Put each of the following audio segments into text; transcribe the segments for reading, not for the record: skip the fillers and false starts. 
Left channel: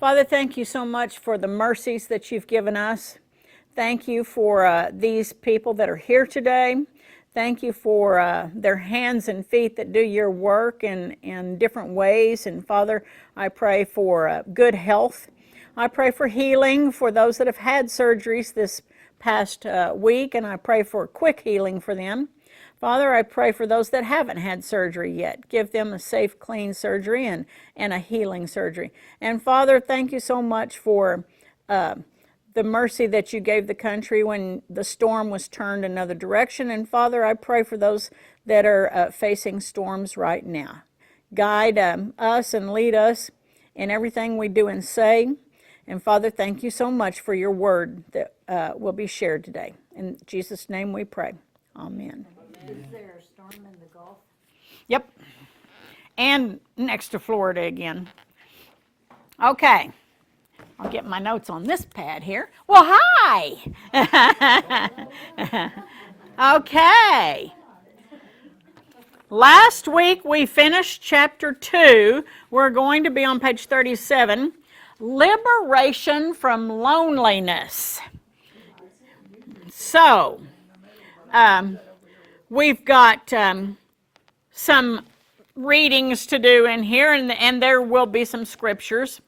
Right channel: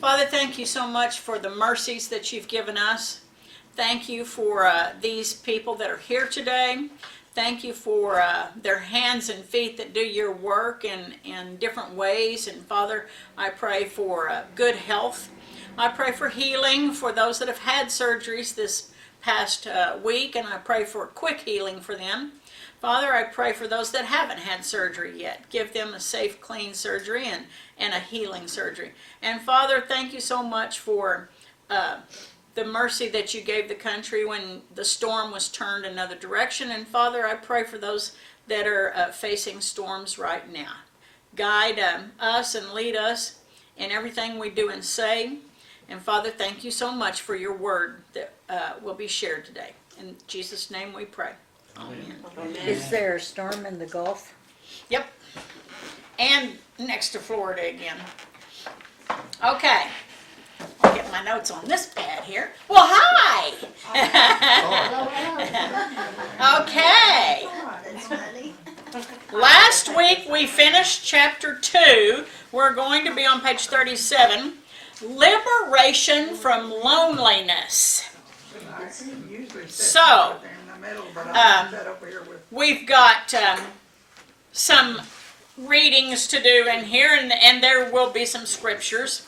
Father, thank you so much for the mercies that you've given us. Thank you for these people that are here today. Thank you for their hands and feet that do your work in different ways. And Father, I pray for good health. I pray for healing for those that have had surgeries this past week, and I pray for quick healing for them. Father, I pray for those that haven't had surgery yet. Give them a safe, clean surgery and a healing surgery. And Father, thank you so much for the mercy that you gave the country when the storm was turned another direction. And Father, I pray for those that are facing storms right now. Guide us and lead us in everything we do and say. And Father, thank you so much for your word that will be shared today. In Jesus' name we pray. Amen. Is there a storm in the Gulf? Yep. And next to Florida again. Okay. I'll get my notes on this pad here. Well, hi! Okay. Last week we finished chapter 2. We're going to be on page 37. Liberation from loneliness. So, we've got some readings to do in here, and there will be some scriptures.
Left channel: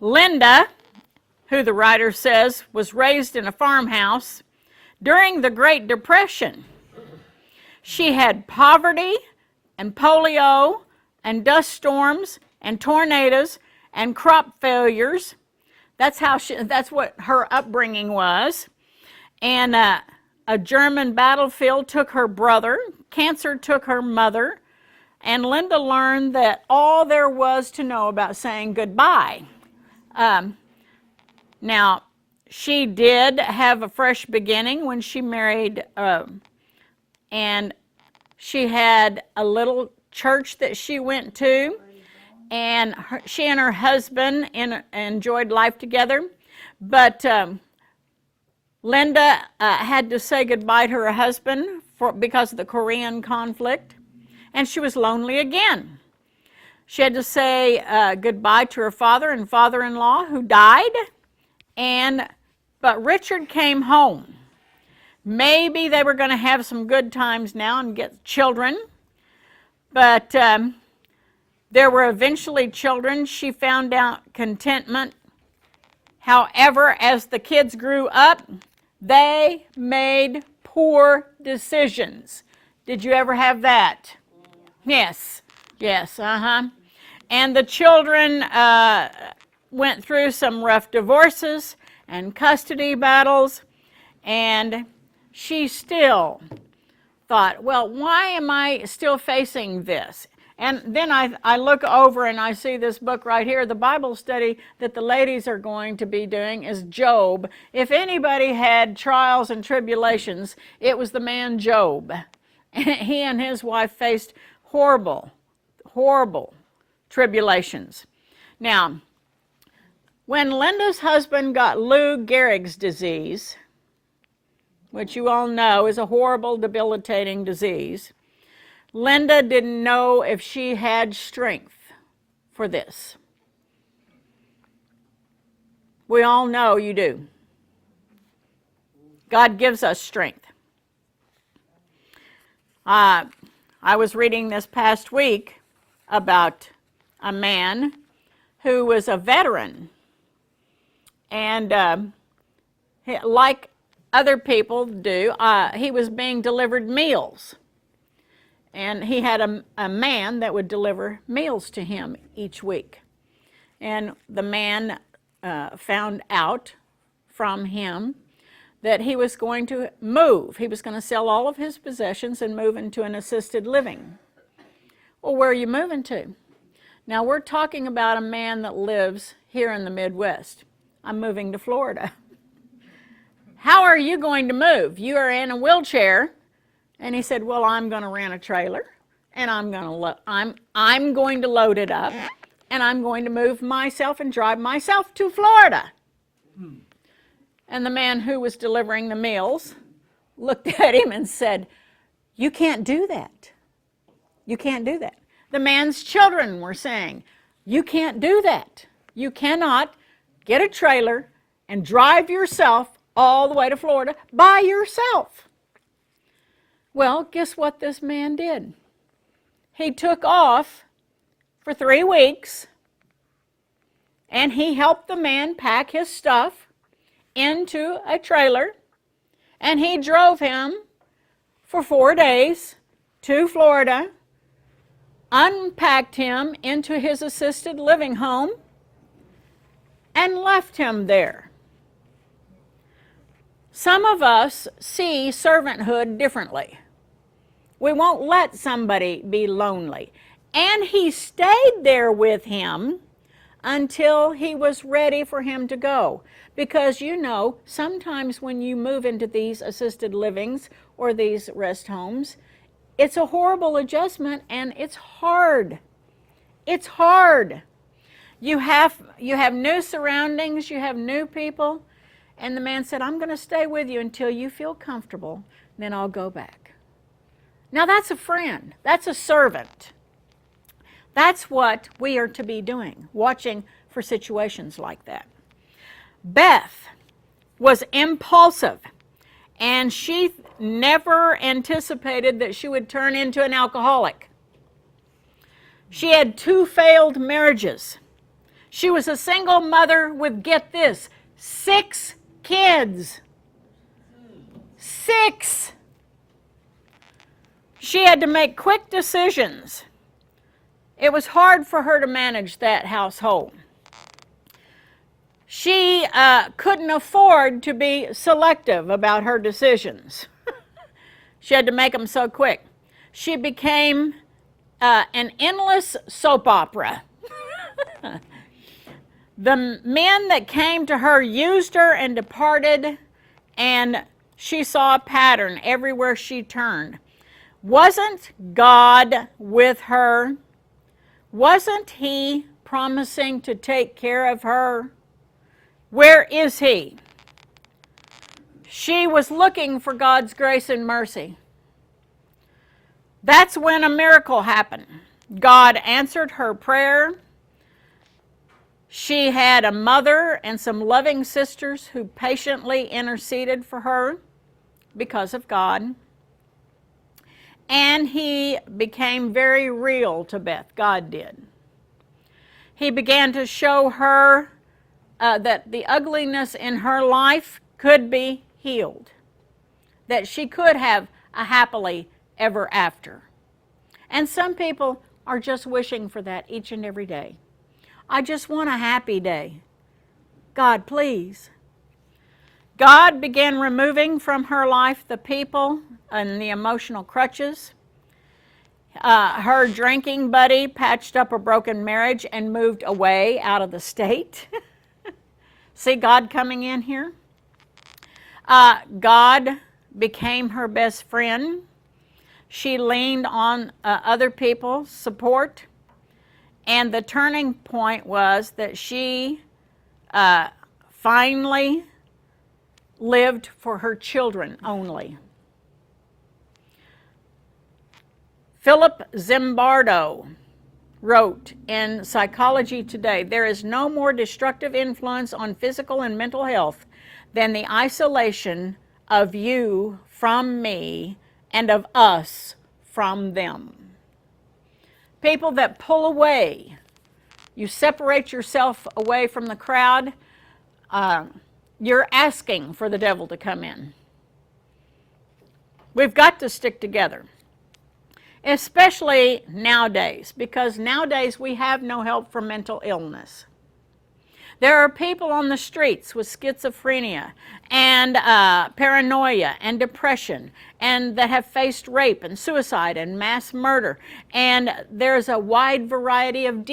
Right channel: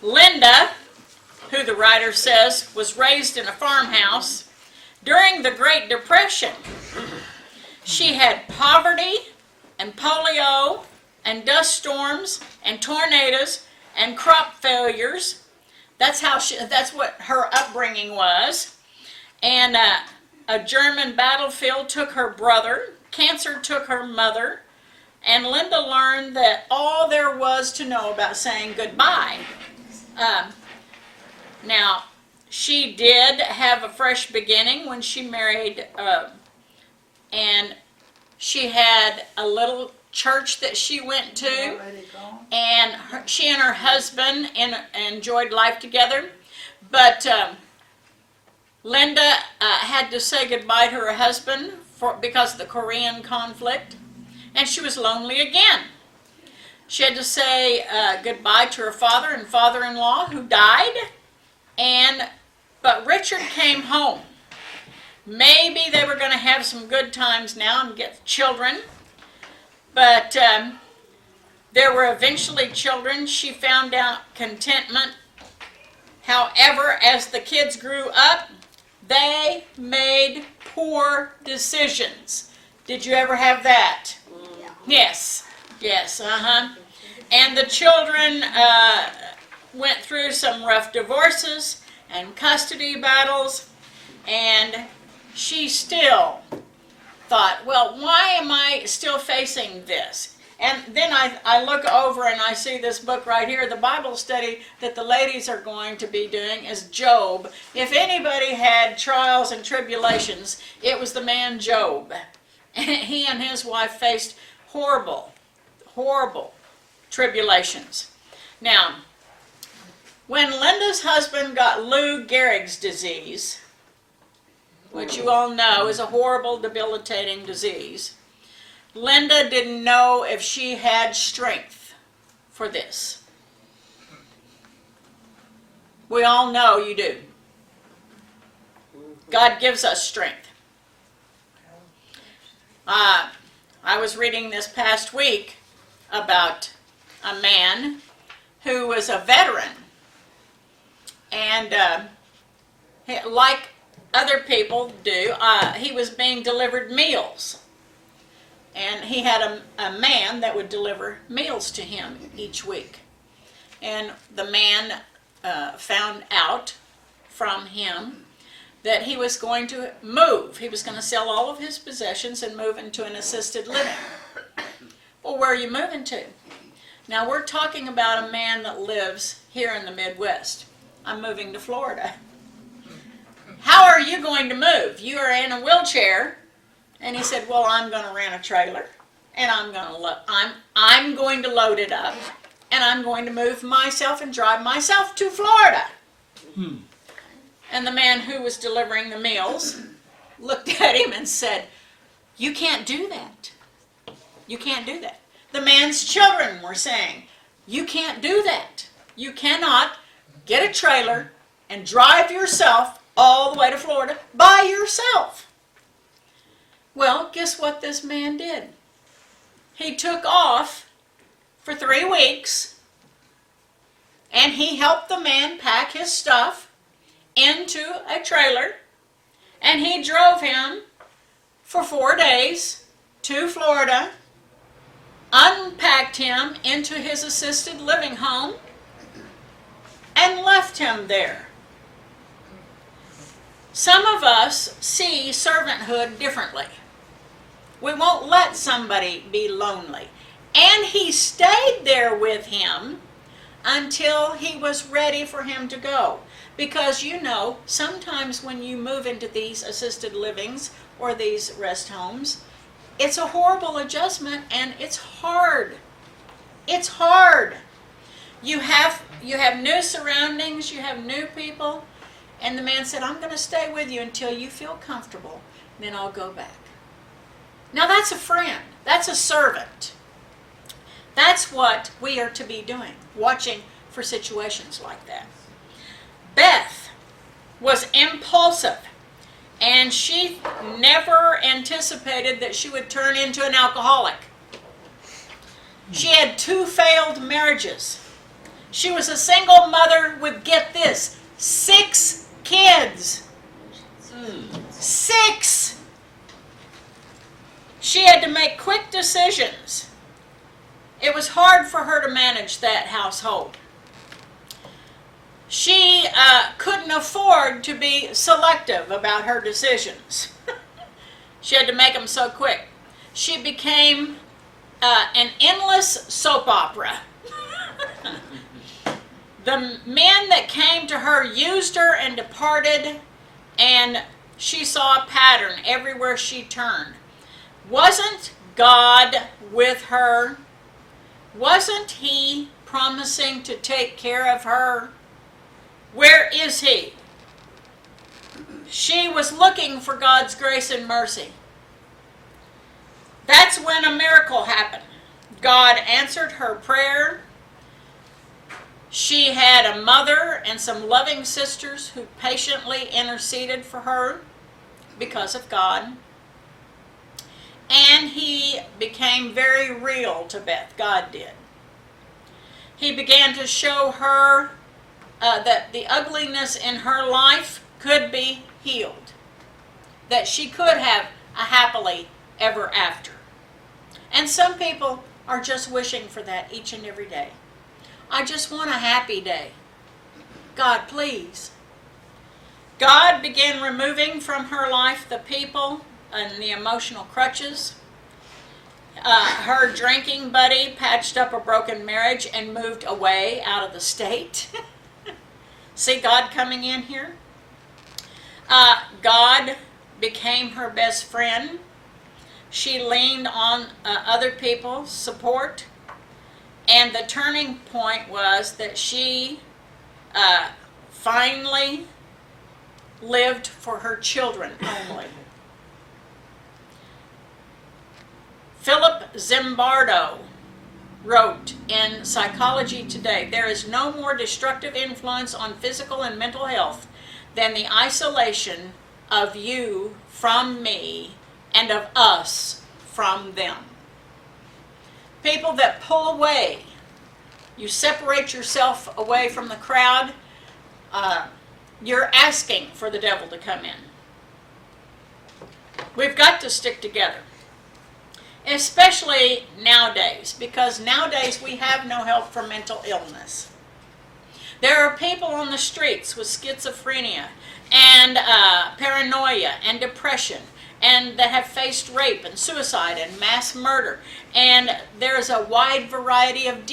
Linda, who the writer says was raised in a farmhouse during the Great Depression. She had poverty and polio and dust storms and tornadoes and crop failures. That's what her upbringing was. And a German battlefield took her brother. Cancer took her mother. And Linda learned that all there was to know about saying goodbye. Now, she did have a fresh beginning when she married, and she had a little church that she went to, and she and her husband enjoyed life together. But Linda had to say goodbye to her husband because of the Korean conflict, and she was lonely again. She had to say goodbye to her father and father-in-law who died, but Richard came home. Maybe they were going to have some good times now and get children, but there were eventually children. She found out contentment. However, as the kids grew up, they made poor decisions. Did you ever have that? Yeah. Yes, And the children went through some rough divorces and custody battles, and she still thought, well, why am I still facing this? And then I look over and I see this book right here. The Bible study that the ladies are going to be doing is Job. If anybody had trials and tribulations, it was the man Job. He and his wife faced horrible tribulations. Now, when Linda's husband got Lou Gehrig's disease, which you all know is a horrible, debilitating disease, Linda didn't know if she had strength for this. We all know you do. God gives us strength. I was reading this past week about a man who was a veteran, and like other people do, he was being delivered meals, and he had a man that would deliver meals to him each week. And the man found out from him that he was going to move. He was going to sell all of his possessions and move into an assisted living. Well, where are you moving to? Now, we're talking about a man that lives here in the Midwest. I'm moving to Florida. How are you going to move? You are in a wheelchair. And he said, well, I'm going to rent a trailer, and I'm going to load it up, and I'm going to move myself and drive myself to Florida. And the man who was delivering the meals looked at him and said, you can't do that. You can't do that. The man's children were saying, You can't do that. You cannot get a trailer and drive yourself all the way to Florida by yourself. Well, guess what this man did? He took off for 3 weeks, and he helped the man pack his stuff into a trailer, and he drove him for 4 days to Florida, unpacked him into his assisted living home, and left him there. Some of us see servanthood differently. We won't let somebody be lonely. And he stayed there with him until he was ready for him to go. Because you know, sometimes when you move into these assisted livings or these rest homes, it's a horrible adjustment and it's hard. It's hard. You have new surroundings, you have new people, and the man said, I'm going to stay with you until you feel comfortable, then I'll go back. Now that's a friend. That's a servant. That's what we are to be doing, watching for situations like that. Beth was impulsive, and she never anticipated that she would turn into an alcoholic. She had 2 failed marriages. She was a single mother with, get this, 6 kids. 6! She had to make quick decisions. It was hard for her to manage that household. She couldn't afford to be selective about her decisions. She had to make them so quick. She became an endless soap opera. The men that came to her used her and departed, and she saw a pattern everywhere she turned. Wasn't God with her? Wasn't He promising to take care of her? Where is He? She was looking for God's grace and mercy. That's when a miracle happened. God answered her prayer. She had a mother and some loving sisters who patiently interceded for her because of God. And He became very real to Beth. God did. He began to show her that the ugliness in her life could be healed. That she could have a happily ever after. And some people are just wishing for that each and every day. I just want a happy day. God, please. God began removing from her life the people and the emotional crutches. Her drinking buddy patched up a broken marriage and moved away out of the state. See God coming in here? God became her best friend. She leaned on other people's support. And the turning point was that she finally lived for her children only. Philip Zimbardo wrote in Psychology Today, there is no more destructive influence on physical and mental health than the isolation of you from me and of us from them. People that pull away, you separate yourself away from the crowd, you're asking for the devil to come in. We've got to stick together. Especially nowadays, because nowadays we have no help for mental illness. There are people on the streets with schizophrenia and paranoia and depression, and that have faced rape and suicide and mass murder. And there's a wide variety of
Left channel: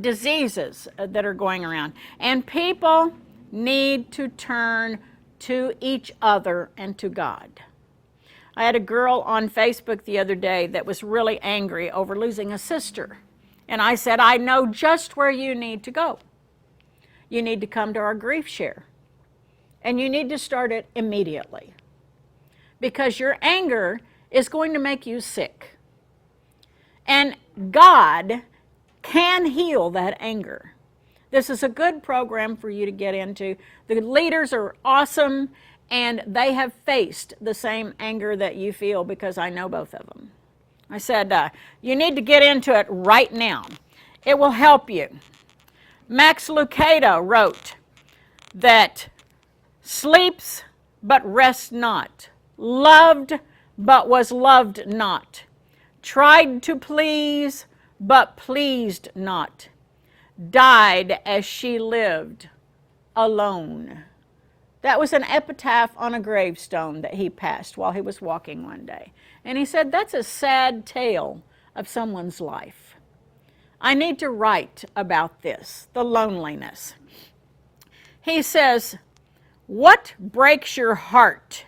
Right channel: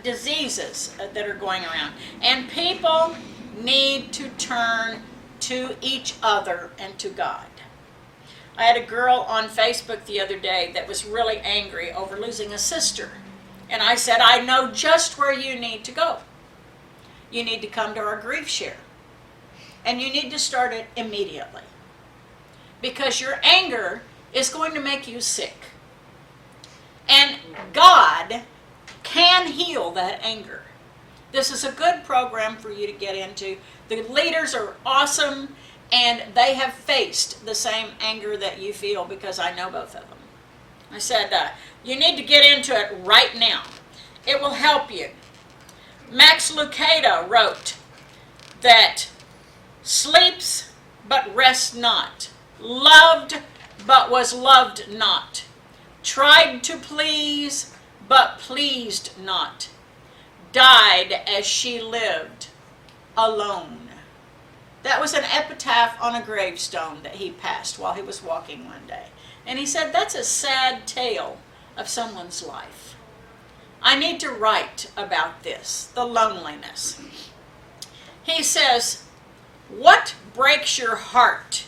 diseases that are going around. And people need to turn to each other and to God. I had a girl on Facebook the other day that was really angry over losing a sister. And I said, I know just where you need to go. You need to come to our grief share. And you need to start it immediately. Because your anger is going to make you sick. And God can heal that anger. This is a good program for you to get into. The leaders are awesome, and they have faced the same anger that you feel, because I know both of them. I said, you need to get into it right now. It will help you. Max Lucado wrote that sleeps but rests not, loved but was loved not, tried to please but pleased not, died as she lived, alone. That was an epitaph on a gravestone that he passed while he was walking one day. And he said, that's a sad tale of someone's life. I need to write about this, the loneliness. He says, what breaks your heart?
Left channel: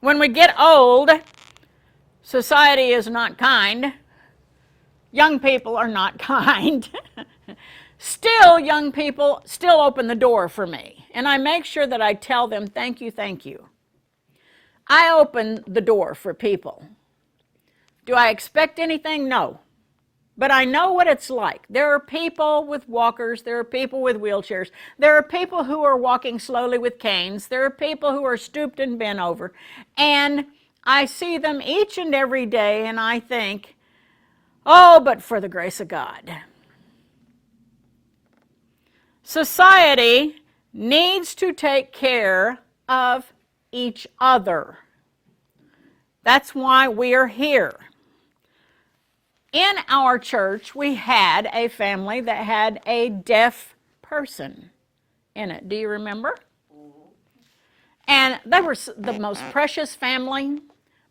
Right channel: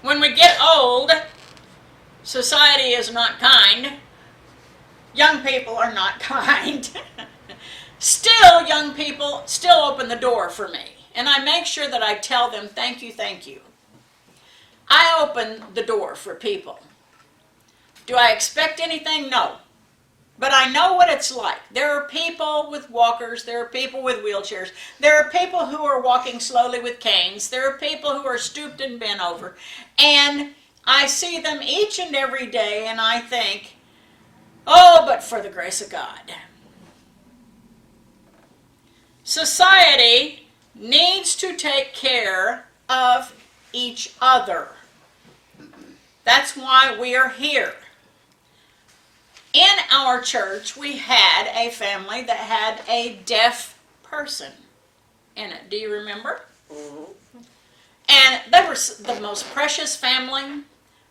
When we get old, society is not kind. Young people are not kind. Still, young people still open the door for me. And I make sure that I tell them, thank you, thank you. I open the door for people. Do I expect anything? No. But I know what it's like. There are people with walkers. There are people with wheelchairs. There are people who are walking slowly with canes. There are people who are stooped and bent over. And I see them each and every day, and I think, oh, but for the grace of God. Society needs to take care of each other. That's why we are here. In our church, we had a family that had a deaf person in it. Do you remember? And they were the most precious family.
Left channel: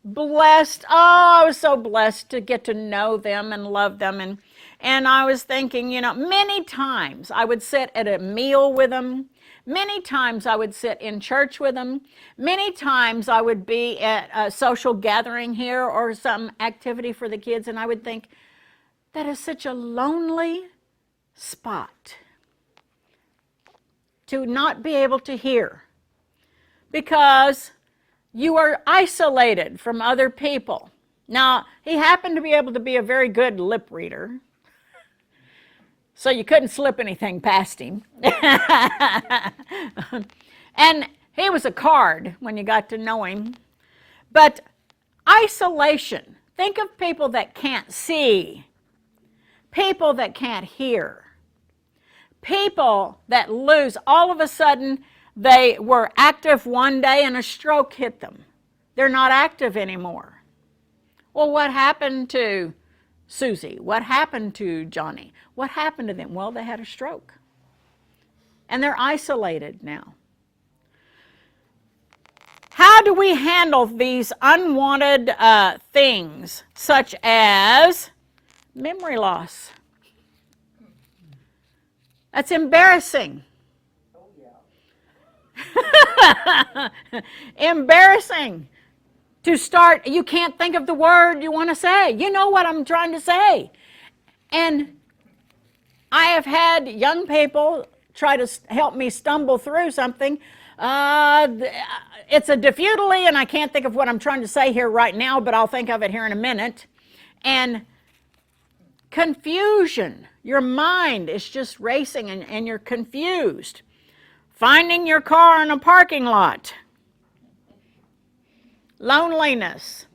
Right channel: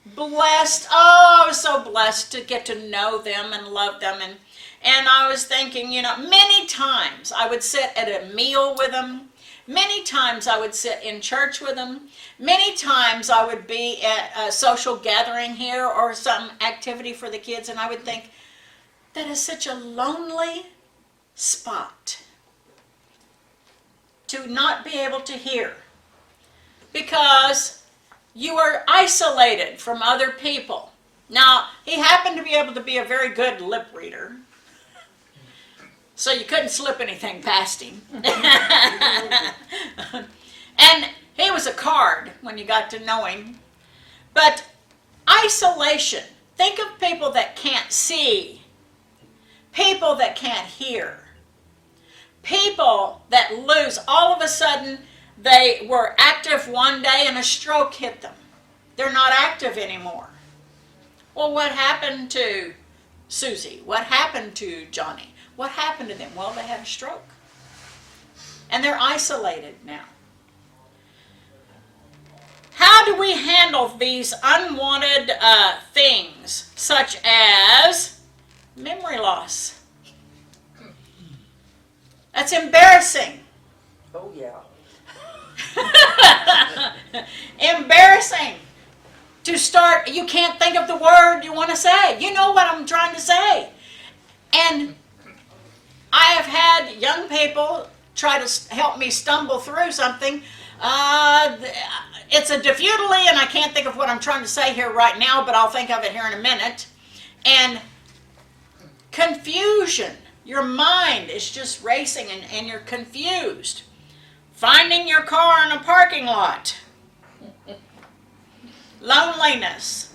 Blessed. Oh, I was so blessed to get to know them and love them. And I was thinking, many times I would sit at a meal with them. Many times I would sit in church with them. Many times I would be at a social gathering here or some activity for the kids, and I would think, that is such a lonely spot to not be able to hear, because you are isolated from other people. Now, he happened to be able to be a very good lip reader, so you couldn't slip anything past him. And he was a card when you got to know him. But isolation, think of people that can't see, people that can't hear, people that lose. All of a sudden, they were active one day and a stroke hit them. They're not active anymore. Well, what happened to Susie? What happened to Johnny? What happened to them? Well, they had a stroke. And they're isolated now. How do we handle these unwanted things, such as memory loss? That's embarrassing. Oh, yeah. Embarrassing. To start, you can't think of the word you want to say. You know what I'm trying to say. And I have had young people try to help me stumble through something. It's a diffutilely, and I can't think of what I'm trying to say here right now, but I'll think of it here in a minute. And confusion. Your mind is just racing, and you're confused. Finding your car in a parking lot. Loneliness.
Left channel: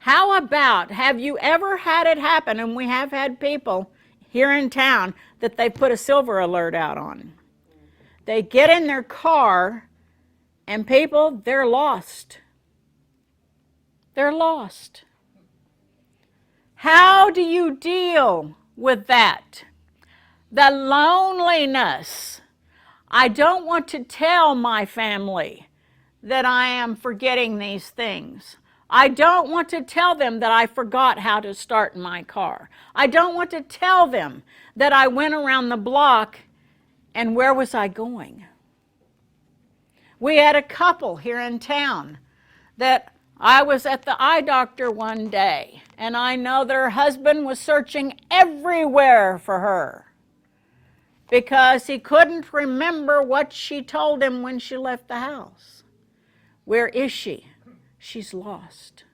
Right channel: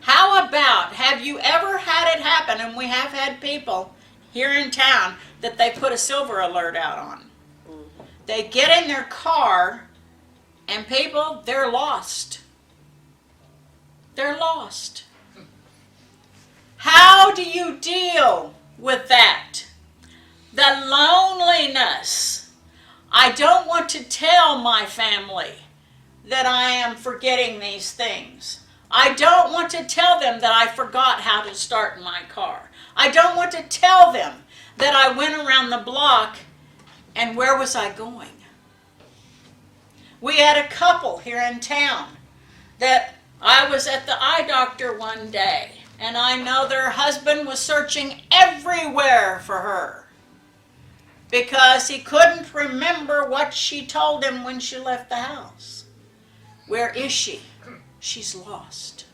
How about, have you ever had it happen, and we have had people here in town that they put a silver alert out on. They get in their car, and people, they're lost. They're lost. How do you deal with that? The loneliness. I don't want to tell my family that I am forgetting these things. I don't want to tell them that I forgot how to start my car. I don't want to tell them that I went around the block, and where was I going? We had a couple here in town that I was at the eye doctor one day, and I know their husband was searching everywhere for her because he couldn't remember what she told him when she left the house. Where is she? She's lost.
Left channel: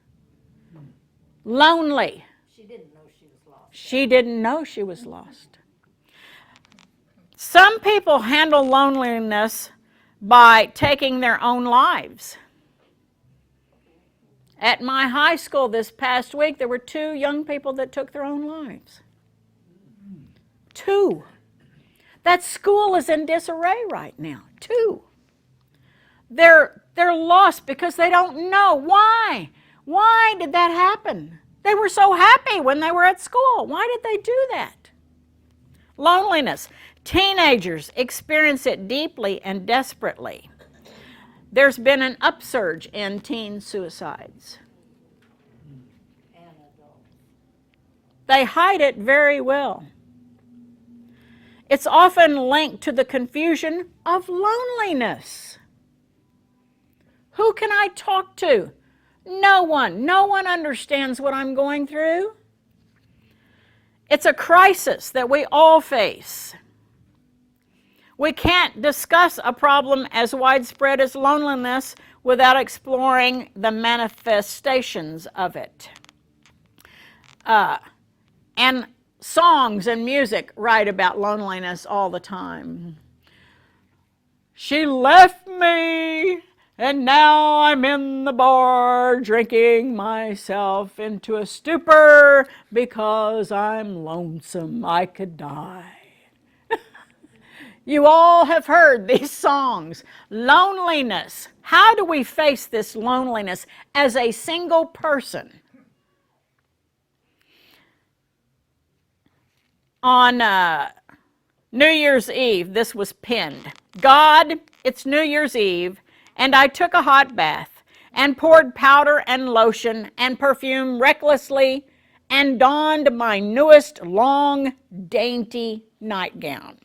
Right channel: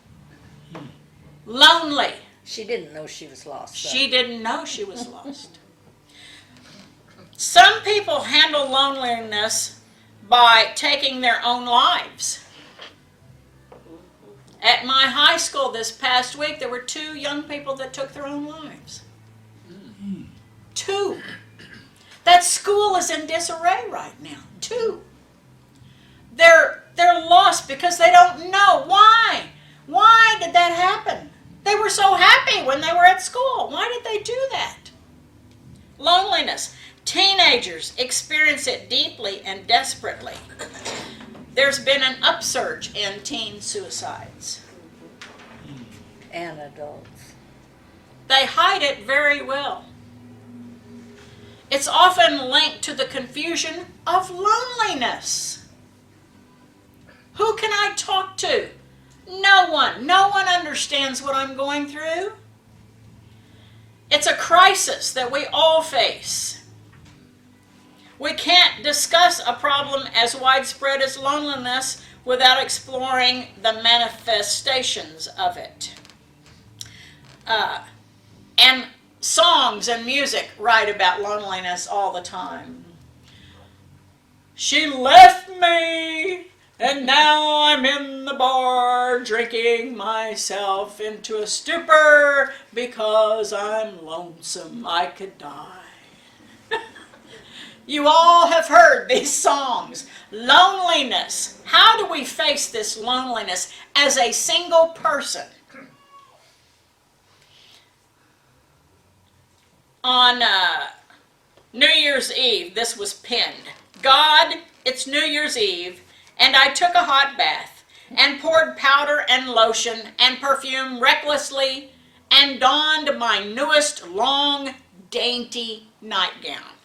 Lonely. She didn't know she was lost. So. She didn't know she was lost. Some people handle loneliness by taking their own lives. At my high school this past week, there were 2 young people that took their own lives. 2. That school is in disarray right now. 2. They're lost because they don't know why. Why did that happen? They were so happy when they were at school. Why did they do that? Loneliness. Teenagers experience it deeply and desperately. There's been an upsurge in teen suicides. And adults. They hide it very well. It's often linked to the confusion of loneliness. Who can I talk to? No one. No one understands what I'm going through. It's a crisis that we all face. We can't discuss a problem as widespread as loneliness without exploring the manifestations of it. And songs and music write about loneliness all the time. She left me, and now I'm in the bar drinking myself into a stupor because I'm lonesome. I could die. You all have heard these songs. Loneliness. How do we face this loneliness as a single person? On New Year's Eve, this was penned. God, it's New Year's Eve, and I took a hot bath and poured powder and lotion and perfume recklessly and donned my newest long, dainty nightgown.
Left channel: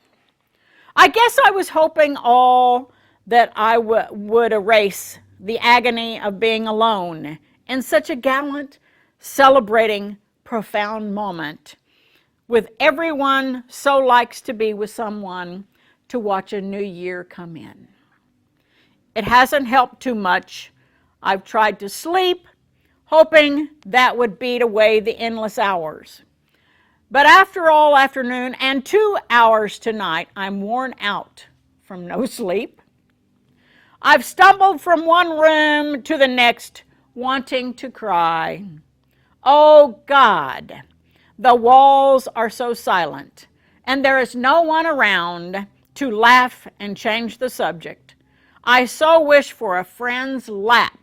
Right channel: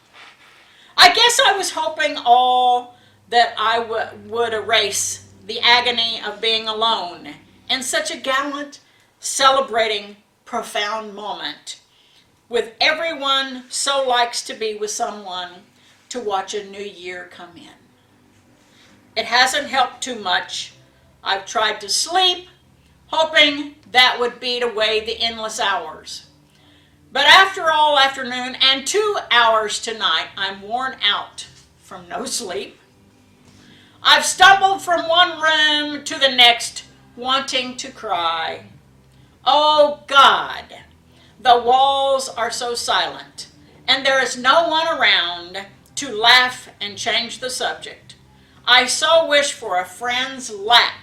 I guess I was hoping all that I would erase the agony of being alone in such a gallant, celebrating, profound moment, with everyone so likes to be with someone to watch a new year come in. It hasn't helped too much. I've tried to sleep, hoping that would beat away the endless hours. But after all afternoon and 2 hours tonight, I'm worn out from no sleep. I've stumbled from one room to the next, wanting to cry. Oh God, the walls are so silent, and there is no one around to laugh and change the subject. I so wish for a friend's lap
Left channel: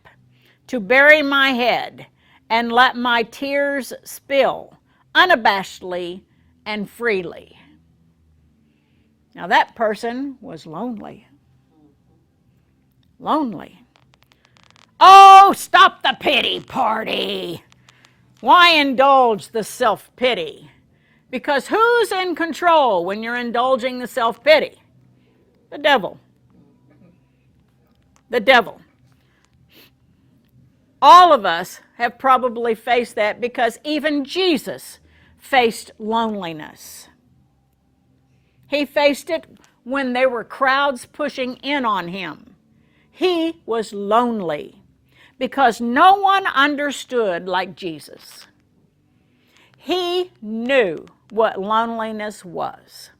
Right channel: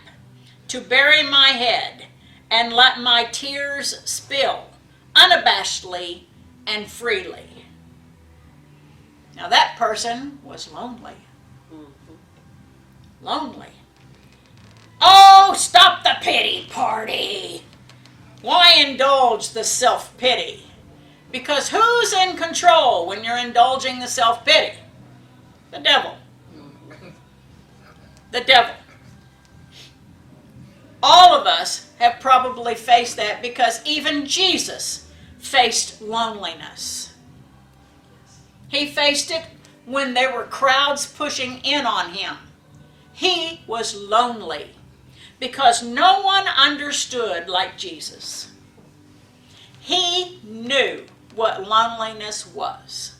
to bury my head and let my tears spill unabashedly and freely. Now that person was lonely. Lonely. Oh, stop the pity party. Why indulge the self-pity? Because who's in control when you're indulging the self-pity? The devil. The devil. All of us have probably faced that because even Jesus faced loneliness. He faced it when there were crowds pushing in on him. He was lonely because no one understood like Jesus. He knew what loneliness was.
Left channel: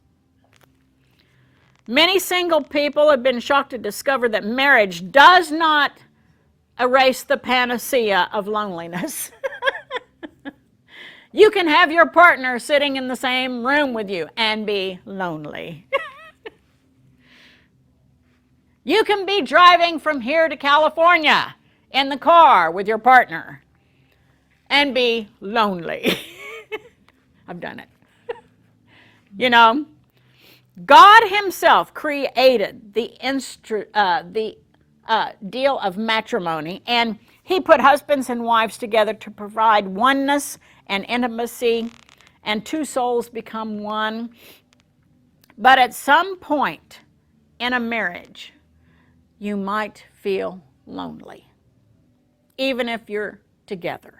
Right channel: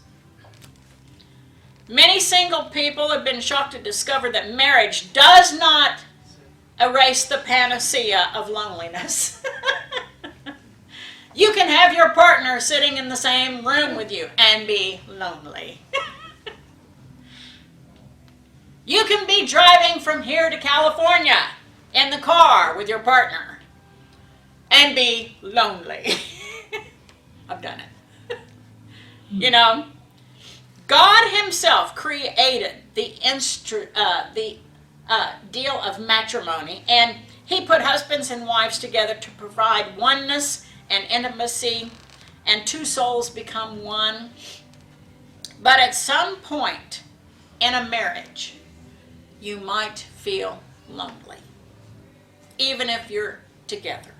Many single people have been shocked to discover that marriage does not erase the panacea of loneliness. You can have your partner sitting in the same room with you and be lonely. You can be driving from here to California in the car with your partner and be lonely. I've done it. You know, God himself created the deal of matrimony, and he put husbands and wives together to provide oneness and intimacy, and 2 souls become one. But at some point in a marriage, you might feel lonely, even if you're together.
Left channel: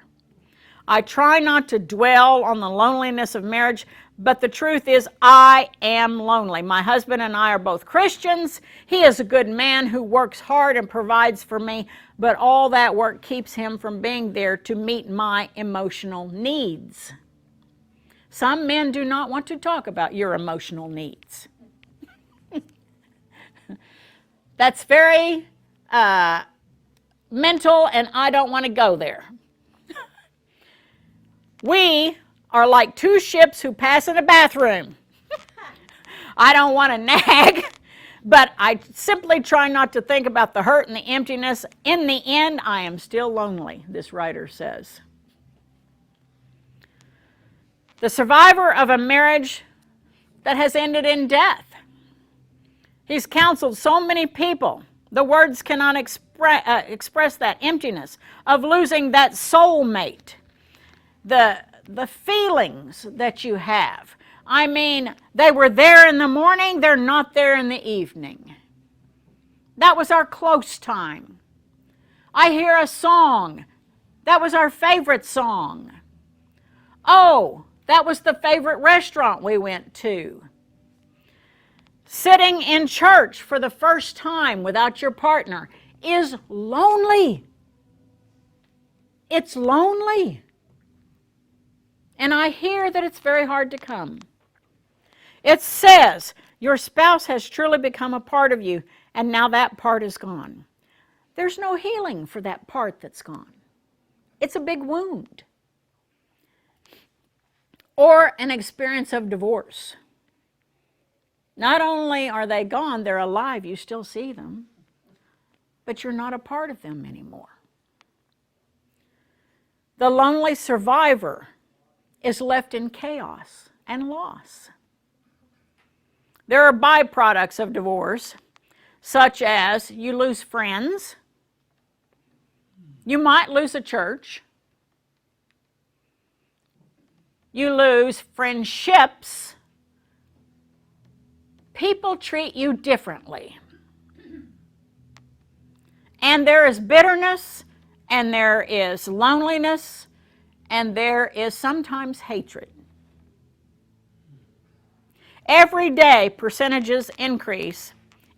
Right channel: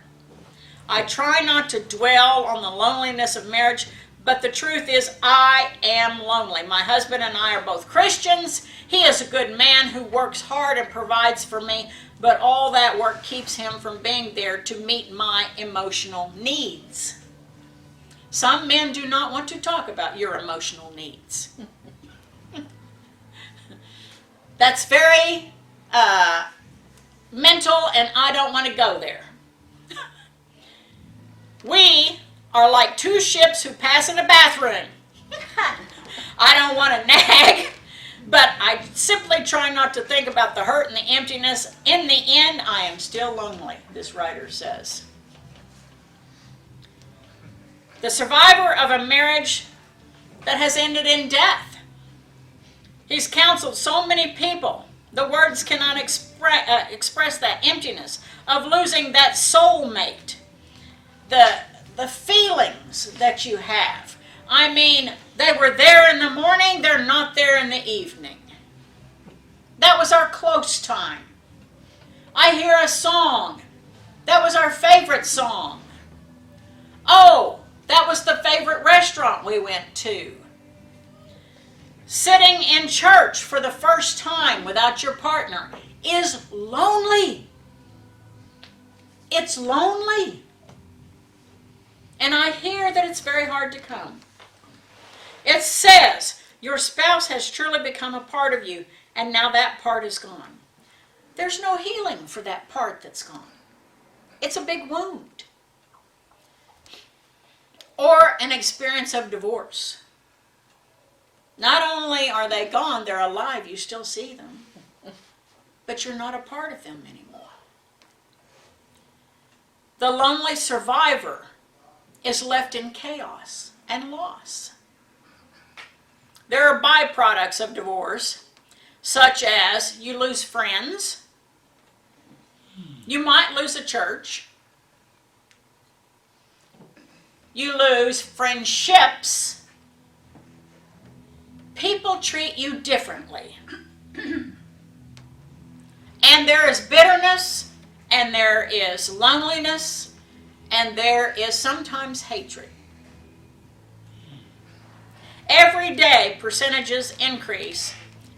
I try not to dwell on the loneliness of marriage, but the truth is I am lonely. My husband and I are both Christians. He is a good man who works hard and provides for me, but all that work keeps him from being there to meet my emotional needs. Some men do not want to talk about your emotional needs. That's very mental, and I don't want to go there. We are like two ships who pass in a bathroom. I don't want to nag, but I simply try not to think about the hurt and the emptiness. In the end, I am still lonely, this writer says. The survivor of a marriage that has ended in death. He's counseled so many people. The words cannot express that emptiness of losing that soulmate. The feelings that you have. I mean, they were there in the morning, they're not there in the evening. That was our close time. I hear a song. That was our favorite song. Oh, that was the favorite restaurant we went to. Sitting in church for the first time without your partner is lonely. It's lonely. And I hear that it's very hard to come. It says, your spouse has truly become a part of you, and now that part is gone. There's no healing for that part that's gone. It's a big wound. Or an experience of divorce. Not only are they gone, they're alive, you still see them, but you're not a part of them anymore. The lonely survivor is left in chaos and loss. There are byproducts of divorce, such as you lose friends, you might lose a church, you lose friendships. People treat you differently. And there is bitterness, and there is loneliness, and there is sometimes hatred. Every day, percentages increase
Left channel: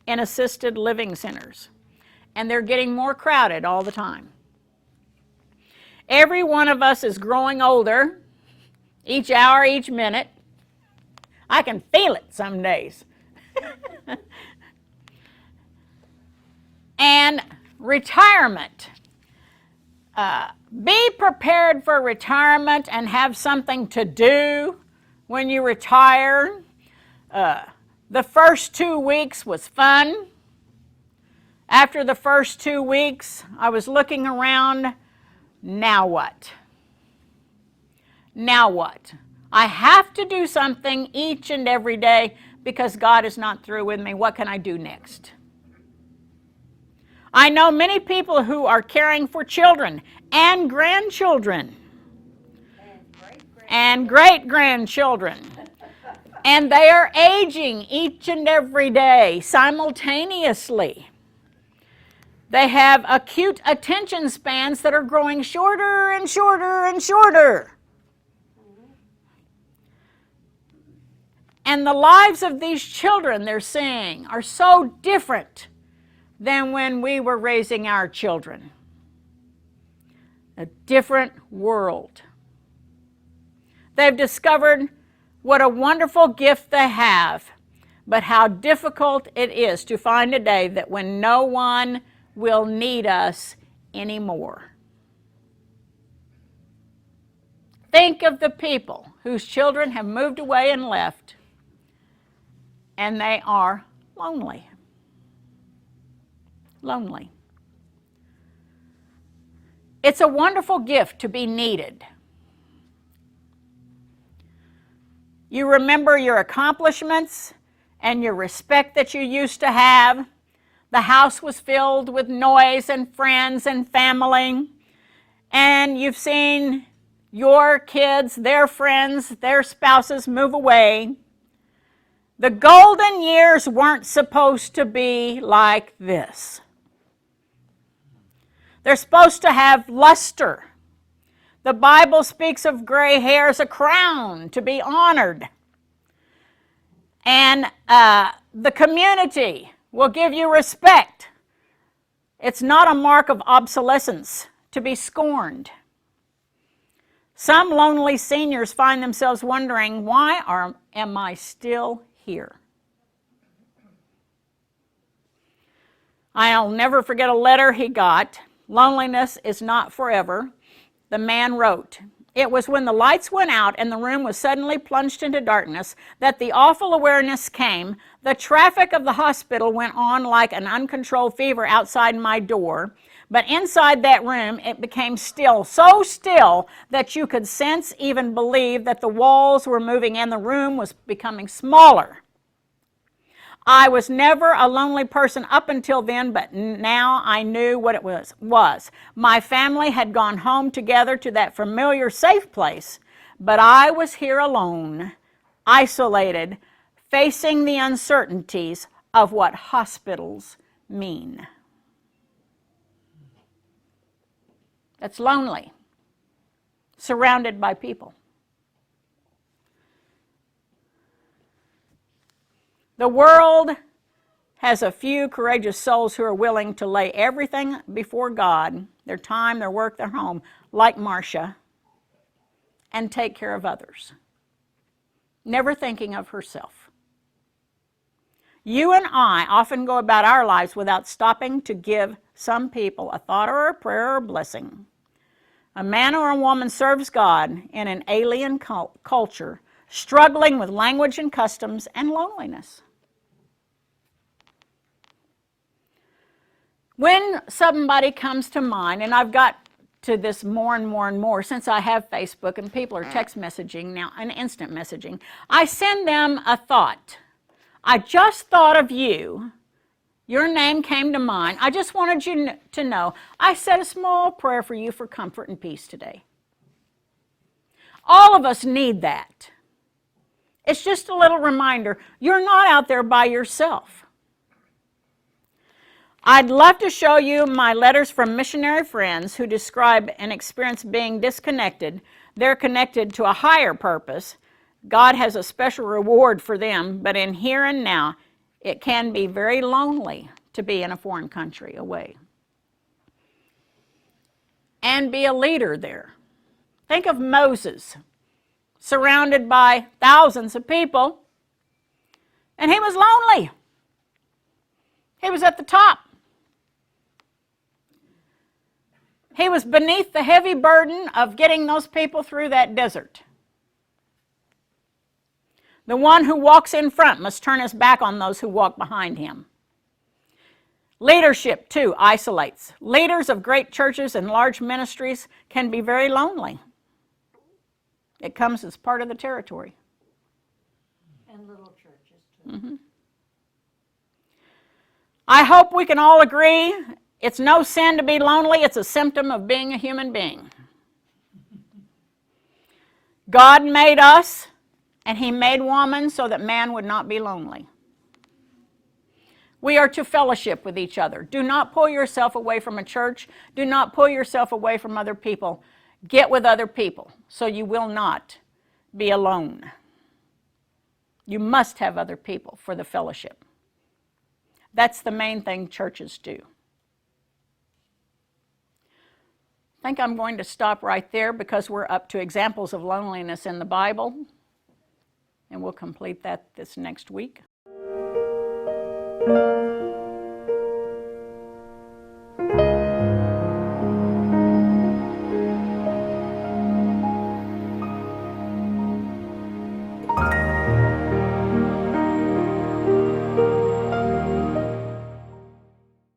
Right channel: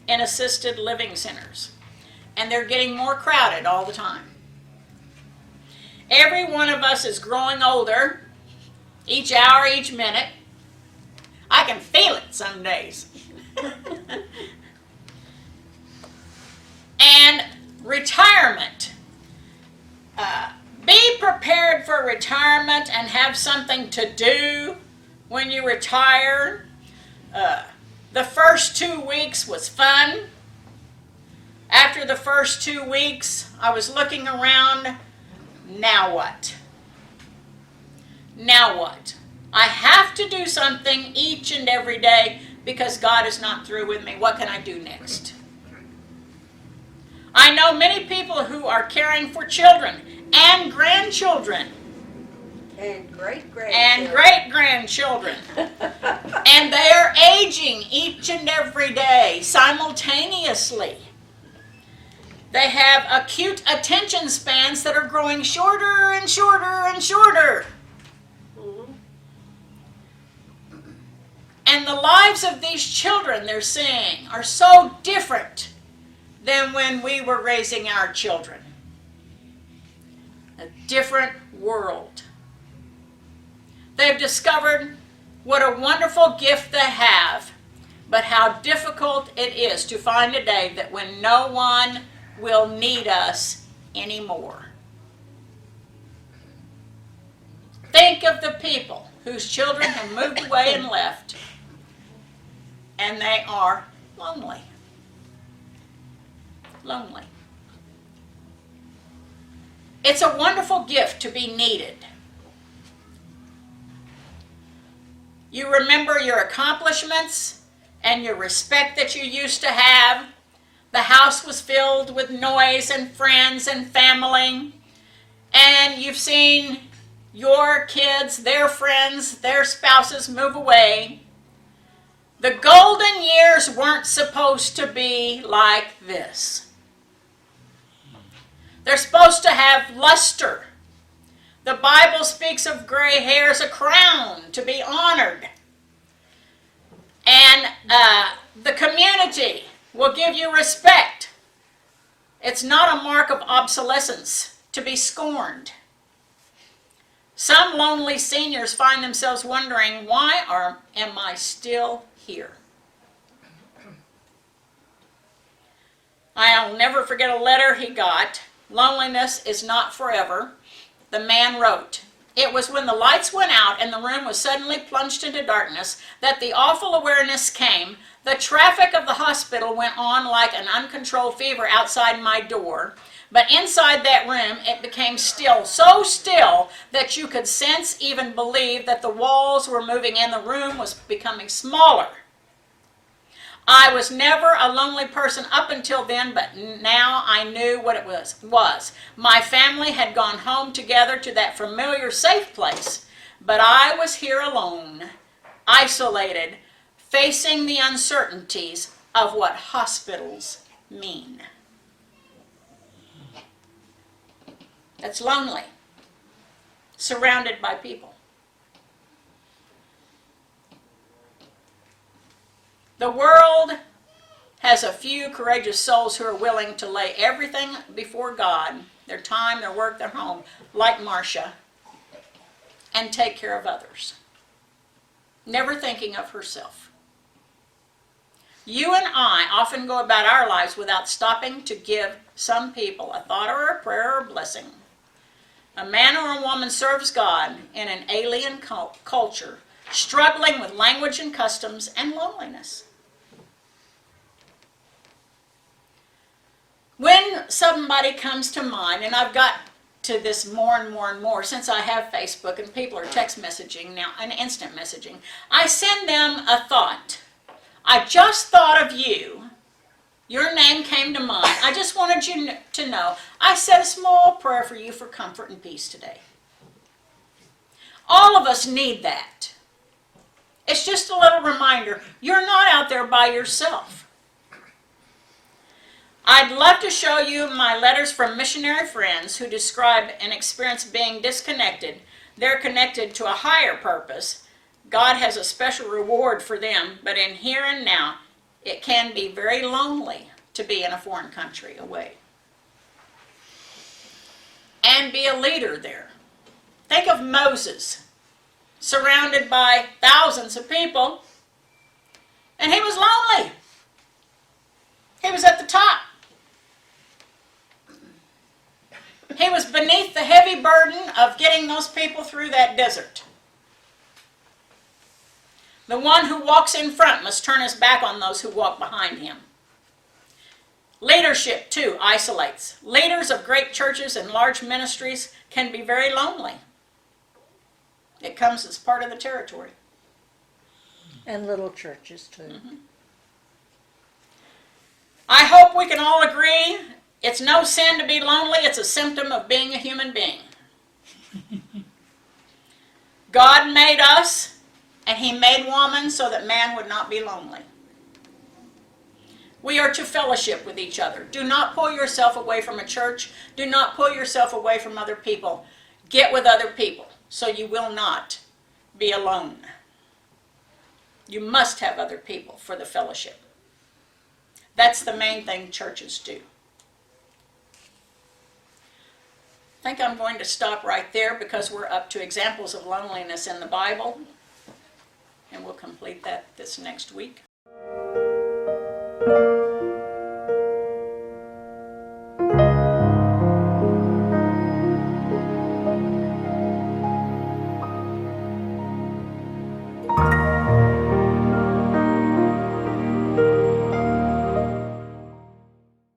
in assisted living centers, and they're getting more crowded all the time. Every one of us is growing older, each hour, each minute. I can feel it some days. And retirement. Be prepared for retirement and have something to do when you retire. The first 2 weeks was fun. After the first 2 weeks, I was looking around. Now what? Now what? I have to do something each and every day because God is not through with me. What can I do next? I know many people who are caring for children and grandchildren. And great-grandchildren. And great-grandchildren. And they are aging each and every day simultaneously. They have acute attention spans that are growing shorter and shorter and shorter. And the lives of these children they're seeing are so different than when we were raising our children. A different world. They've discovered what a wonderful gift they have, but how difficult it is to find a day that when no one will need us anymore. Think of the people whose children have moved away and left, and they are lonely. Lonely. It's a wonderful gift to be needed. You remember your accomplishments and your respect that you used to have. The house was filled with noise and friends and family. And you've seen your kids, their friends, their spouses move away. The golden years weren't supposed to be like this. They're supposed to have luster. The Bible speaks of gray hair as a crown to be honored. And the community will give you respect It's not a mark of obsolescence to be scorned. Some lonely seniors find themselves wondering, why am I still here? I'll never forget a letter he got. Loneliness is not forever. The man wrote, "It was when the lights went out and the room was suddenly plunged into darkness that the awful awareness came. The traffic of the hospital went on like an uncontrolled fever outside my door. But inside that room, it became still, so still that you could sense, even believe, that the walls were moving and the room was becoming smaller. I was never a lonely person up until then, but now I knew what it was. My family had gone home together to that familiar safe place, but I was here alone, isolated, facing the uncertainties of what hospitals mean." That's lonely, surrounded by people. The world has a few courageous souls who are willing to lay everything before God, their time, their work, their home, like Marcia, and take care of others, never thinking of herself. You and I often go about our lives without stopping to give some people a thought or a prayer or a blessing. A man or a woman serves God in an alien culture, struggling with language and customs and loneliness. When somebody comes to mind, and I've got to this more and more and more since I have Facebook and people are text messaging now and instant messaging, I send them a thought. I just thought of you. Your name came to mind. I just wanted you to know I said a small prayer for you for comfort and peace today. All of us need that. It's just a little reminder. You're not out there by yourself. I'd love to show you my letters from missionary friends who describe an experience being disconnected. They're connected to a higher purpose. God has a special reward for them, but in here and now, it can be very lonely to be in a foreign country away and be a leader there. Think of Moses, surrounded by thousands of people, and he was lonely. He was at the top. He was beneath the heavy burden of getting those people through that desert. The one who walks in front must turn his back on those who walk behind him. Leadership, too, isolates. Leaders of great churches and large ministries can be very lonely. It comes as part of the territory. And little churches, too. Mm-hmm. I hope we can all agree it's no sin to be lonely. It's a symptom of being a human being. God made us, and he made woman so that man would not be lonely. We are to fellowship with each other. Do not pull yourself away from a church. Do not pull yourself away from other people. Get with other people so you will not be alone. You must have other people for the fellowship. That's the main thing churches do. I think I'm going to stop right there because we're up to examples of loneliness in the Bible. And we'll complete that this next week.